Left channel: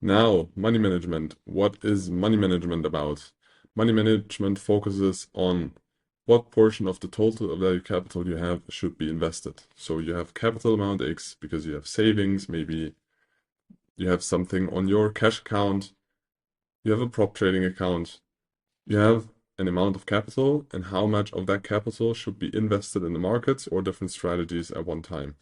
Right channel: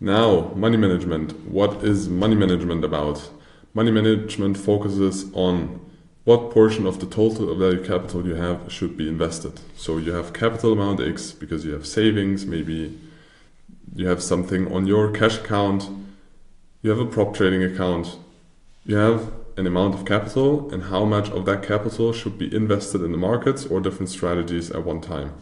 Now, money management. What is money management about? Money management focuses on what portion of the total available capital you have should be invested. So you have capital amount X because you have savings, maybe you have something on your cash account, you have a prop trading account, you have an amount of capital, and how much of that capital should be invested in the markets or different strategies at one time.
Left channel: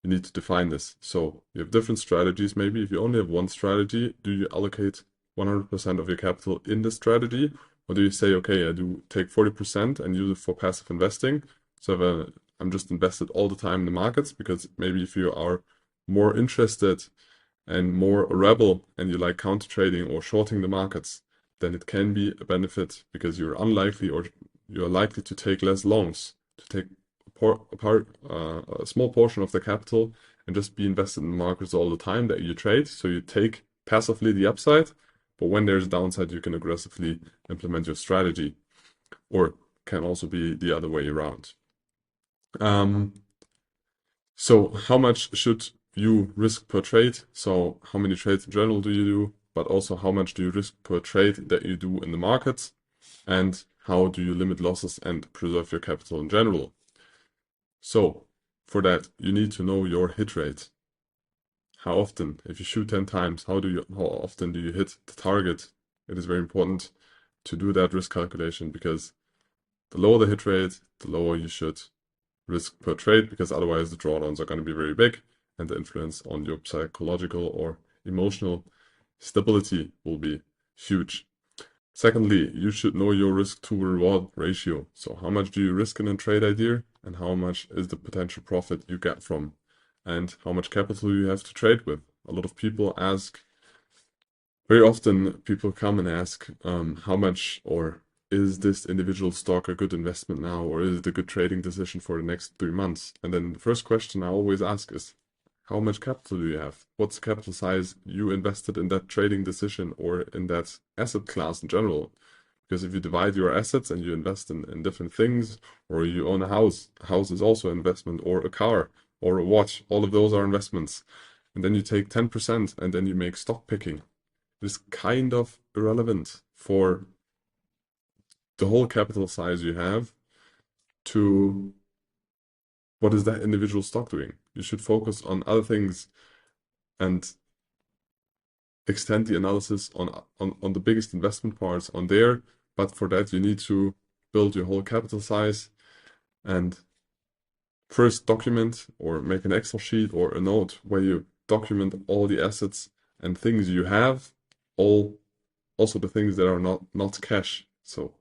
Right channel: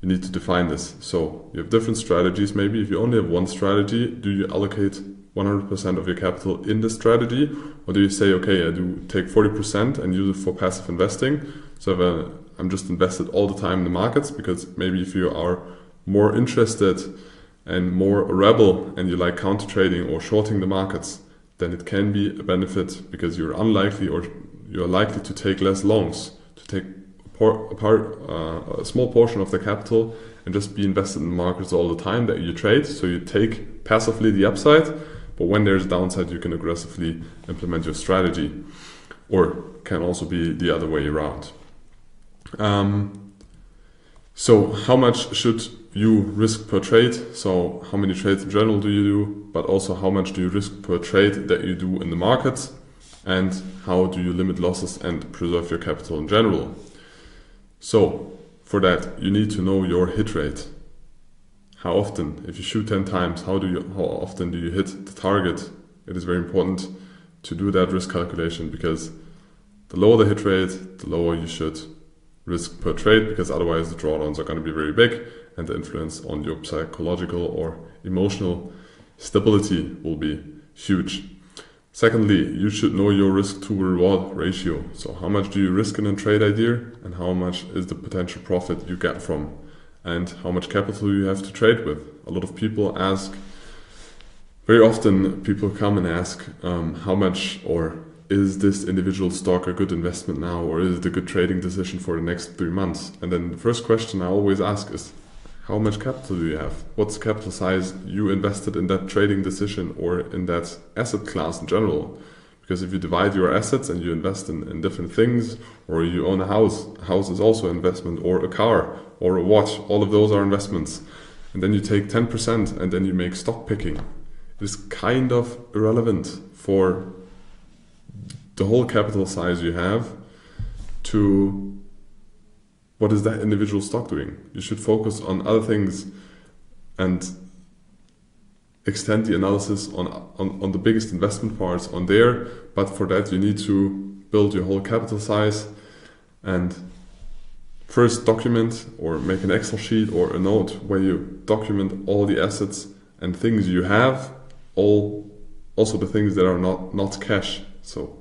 You need to define this. So you have different strategies. Maybe if you only have one strategy, do you allocate 100% of your capital in the strategy? Or do you say, okay, I do take 40% and use it for passive investing. So I'm just invested all the time in the markets, because maybe if you are more interested and more a rebel and you like counter trading or shorting the markets, then it can be a benefit, because you're unlikely or you're likely to take less longs, to take a small portion of the capital and just be invested in the markets all the time that you trade. So you take passively the upside, but when there's downside, you can aggressively implement your strategy, or can also be the other way around. So how much should you risk per trade? So how many trades in general do you do, but also how much do you risk per trade that you do in the markets, and how do you limit losses and preserve your capital in general? So for that, you need to know your hit rate. How often? If you shoot 10 times, how often do you hit the target? It is very important to do that risk calculation, because the lower the hit rate, the lower you should risk per trade, because otherwise the drawdowns are going to be very big and the influence on your psychological or emotional stability will be huge. Secondly, you should know your risk to reward ratio. So how much do you risk in a trade idea, and how much is the potential profit you get from, and how much capital you have to trade with. A lot of people ask, very often people come and ask how much, or is this individual stock a good investment now, or is it a good trading decision for the next 3 months? And then the first question I always ask is, how much capital do you have? What's the capital size you invested in that trading decision or in that asset class in general? Because if you divide your assets and you invest in different things, or you own a house is also an investment, or a car or a watch, all of those are investments. And then you take 10% and then you make stock picking. It is kind of irrelevant for the whole capital size you have to what is that individual stock doing. You should focus on other things and extend the analysis on the biggest investment parts on there. But for that, you need to build your whole capital size and first document or make an Excel sheet or a note where you document all the assets and things you have, also the things that are not cash. So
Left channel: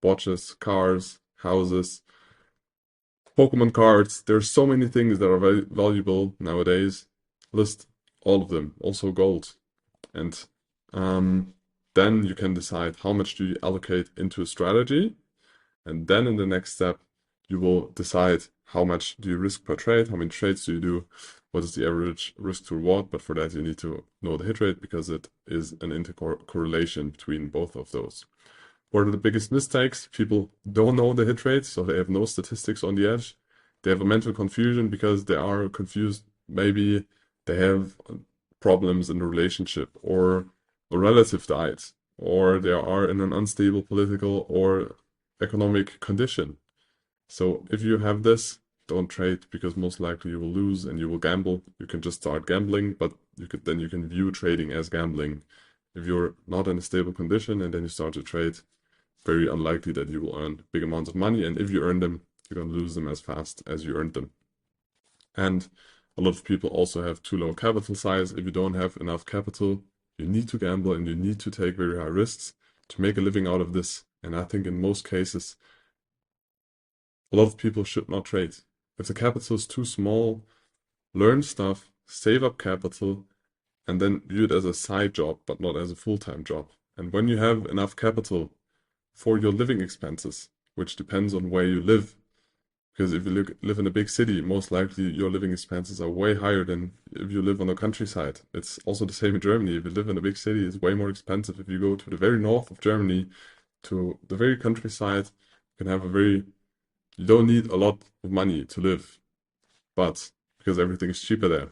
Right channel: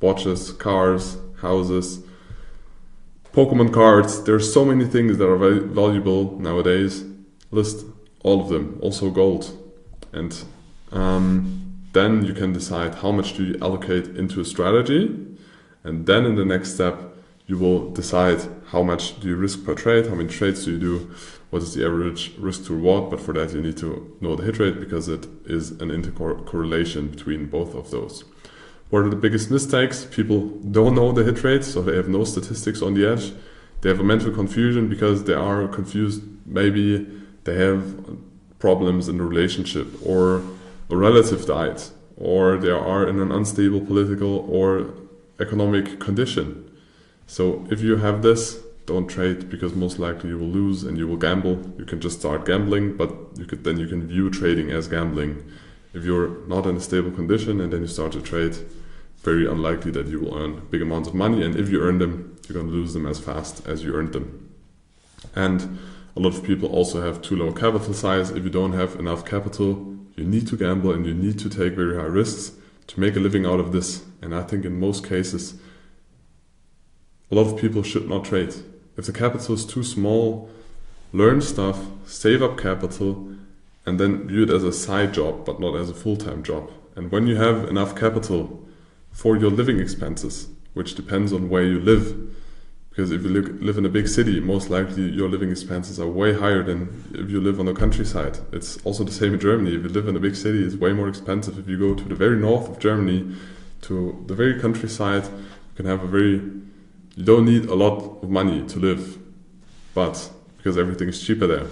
watches, cars, houses, Pokemon cards. There's so many things that are very valuable nowadays. List all of them, also gold. And then you can decide how much do you allocate into a strategy. And then in the next step, you will decide how much do you risk per trade, how many trades do you do, what is the average risk to reward. But for that, you need to know the hit rate, because it is an intercorrelation between both of those. What are the biggest mistakes? People don't know the hit rate, so they have no statistics on the edge. They have a mental confusion because they are confused. Maybe they have problems in a relationship, or a relative died, or they are in an unstable political or economic condition. So if you have this, don't trade, because most likely you will lose and you will gamble. You can just start gambling, but you can view trading as gambling. If you're not in a stable condition and then you start to trade, very unlikely that you will earn big amounts of money, and if you earn them, you're going to lose them as fast as you earned them. And a lot of people also have too low capital size. If you don't have enough capital, you need to gamble and you need to take very high risks to make a living out of this. And I think in most cases, a lot of people should not trade. If the capital is too small, learn stuff, save up capital, and then view it as a side job, but not as a full-time job. And when you have enough capital for your living expenses, which depends on where you live, because if you live in a big city, most likely your living expenses are way higher than if you live on the countryside. It's also the same in Germany. If you live in a big city, it's way more expensive. If you go to the very north of Germany, to the very countryside, you can have you don't need a lot of money to live, but because everything is cheaper there.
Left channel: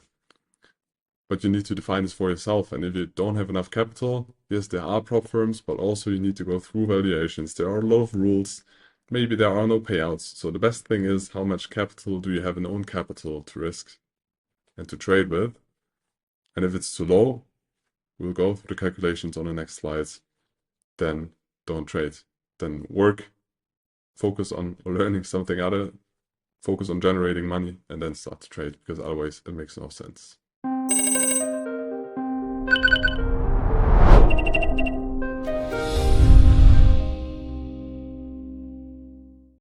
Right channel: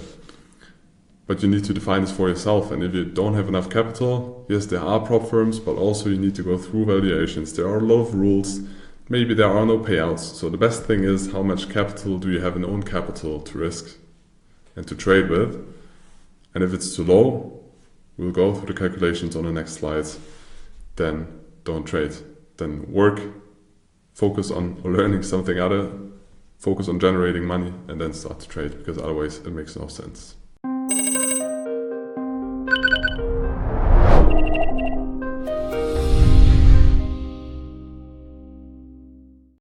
But you need to define this for yourself. And if you don't have enough capital, yes, there are prop firms, but also you need to go through valuations. There are a lot of rules. Maybe there are no payouts. So the best thing is, how much capital do you have in own capital to risk and to trade with? And if it's too low, we'll go through the calculations on the next slides. Then don't trade. Then work, focus on learning something other, focus on generating money, and then start to trade, because otherwise it makes no sense.